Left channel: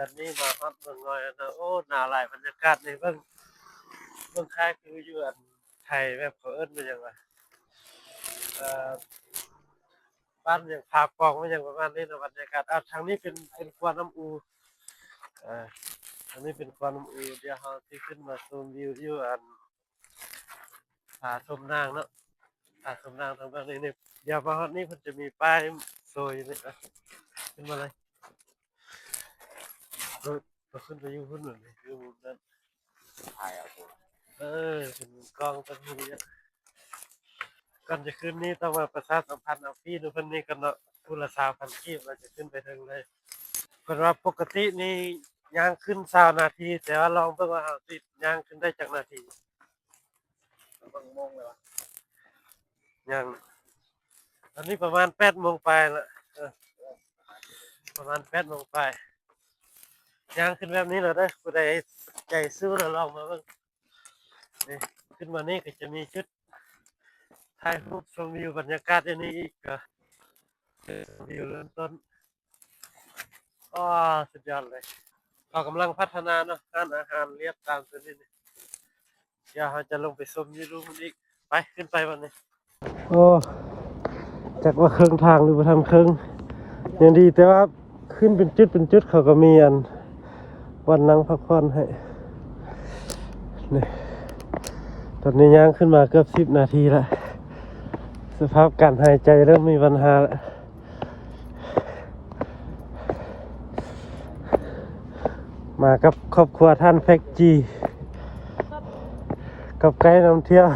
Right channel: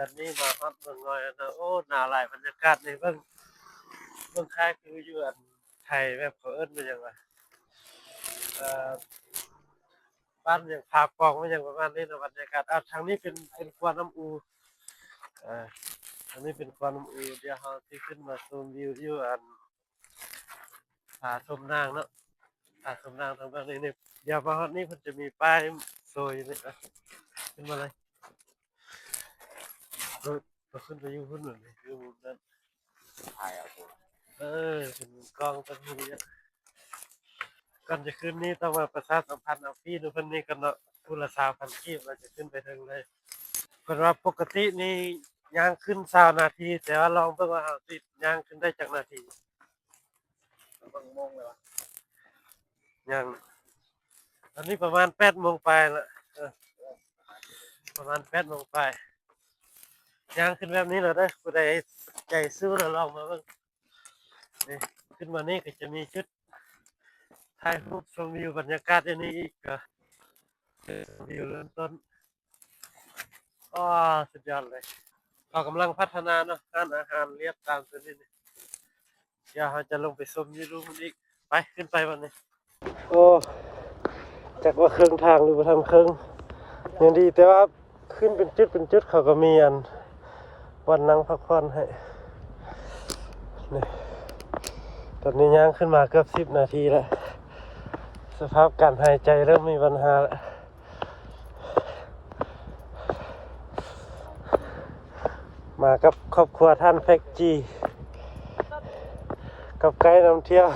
ตอนนี้มาฮอดเมืองน้อยแล้วนะโอ้หนาวหลายบรรยากาศนี่เบิ่งคล้ายคืออยู่อันไทยแบบเขาเอิ้นว่าหยังวะเอ่อบ้านหยังผาปองว่าหยังประมาณนี้นะบรรยากาศทางนี้เป็นกวานน้ำอูอ่าทางนี้เป็นกวานน้ำอูเดี๋ยวเราสิขึ้นมาชมวิวอยู่อันผาชมนางเนาะผาชมนางทางด้านนี้นี่เดี๋ยวมาฮอดนี้เพิ่นจะมีป้ายโซยอยู่นี่นะขึ้นมาเลยเราขึ้นไปอยู่พุ่นน่ะนี่อยู่มุมนั้น ถ่ายเอาตัวเออเป็นกล้องตั้งทีนี้ก่อนจะขึ้นนี่ต้องมาประชาสัมพันธ์เอาฟรีดูเพิ่นนี่กันเนาะผู้ละ3,000กีบเราจะขึ้นไปถึงเลยเพิ่นว่าปกตินี่ย่างขึ้น20นาทีแต่ว่าลองเบิ่งว่าเราสิย่างขึ้นได้จักนาทีมันเบิ่งโมงเลยวะย่างตอนนี้ประมาณ8โมงปลายละประมาณ8โมงปลายย่างขึ้นแบบนี้แล้วเด้อผู้ใดใจสู้แล้วลองมาเบิ่งนี่ขึ้นมานี่ก็จะมีชุดถ่ายรูปชมวิวบรรยากาศอันนี้อีกก็วิวเริ่มต้นอ้อสุดยอดเลยเรากำลังพัฒนาเนาะร้านอาหารเรียบตามตัวนี้นี่เดี๋ยวเราจะลงไปชมวิวรูปมันอีกไปขึ้นไปวันนี้โอ้จากว่าครึ่งทางหรือว่าทำครึ่งยังดีแต่ว่าขึ้นเป็นจุดเขาก็มีอันวันนั่งพักผ่อนให้นี่ตอนนี้ย่างขึ้นมาเกือบ10นาทีละสภาพการหายใจเริ่มมีปัญหาแล้วมากับครอบครัวท่านแฟกจีกับไกด์นำเที่ยว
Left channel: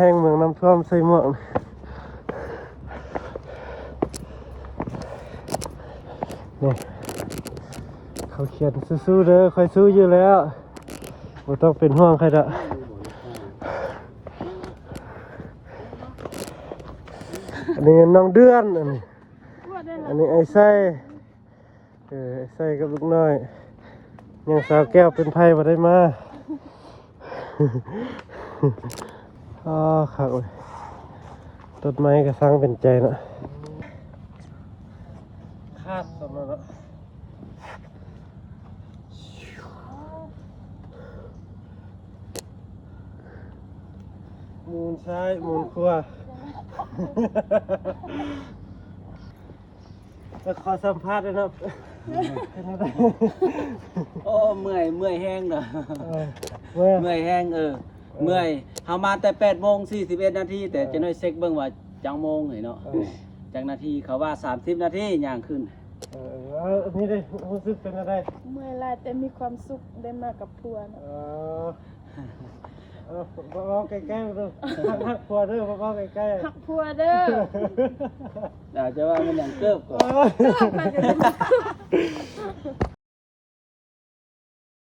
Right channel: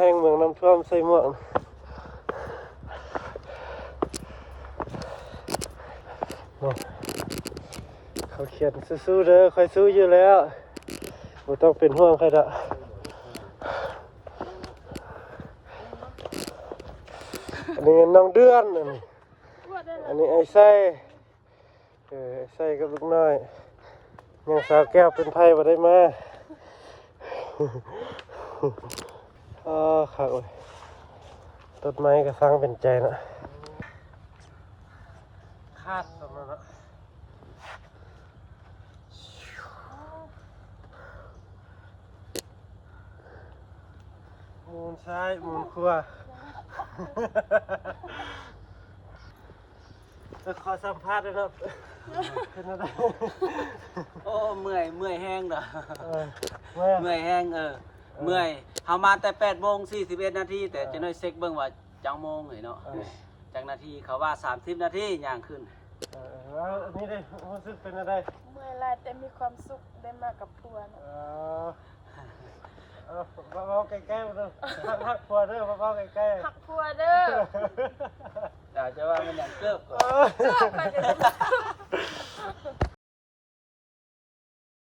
แห่งเมืองน้ำท่วมใส่หมวกนี่เขาเขียนสู้ๆเด้อคอยสู้อยู่แล้วไม่ต้องเป็นห่วงใครละนี่น้องเดือนอันนี้ไอ้ไส้ไอ้ไส้กับลูกน้อยยังสาวแก้วเป็นไพ่มาได้มาอ๋อค่ะโอ้ยต้นไม้ก็สร้างเป็นใจนะคาดสำหรับมูลซ้ายมูลขวาจะขอสัมภาษณ์นะครับ โอ้เมื่อยแห้งเนอะ เมื่อ เมื่อยแห้งเมื่อยเฮามาแต่8:41นาทีแต่จะน้อยเช็คเบิ่งว่าจังโมงเนาะจังนาทีเขาว่า30นาทีย่างขึ้นอันนี้ได้รู้สึกเป็นอะไรเมื่อยลายแต่มีความสุขได้มากับพัวนะมองใกล้ๆดูหักพัวเด้อมองใกล้ๆหักพัวเด้อ เดี๋ยวจะว่ามันอย่างเกิบก่อน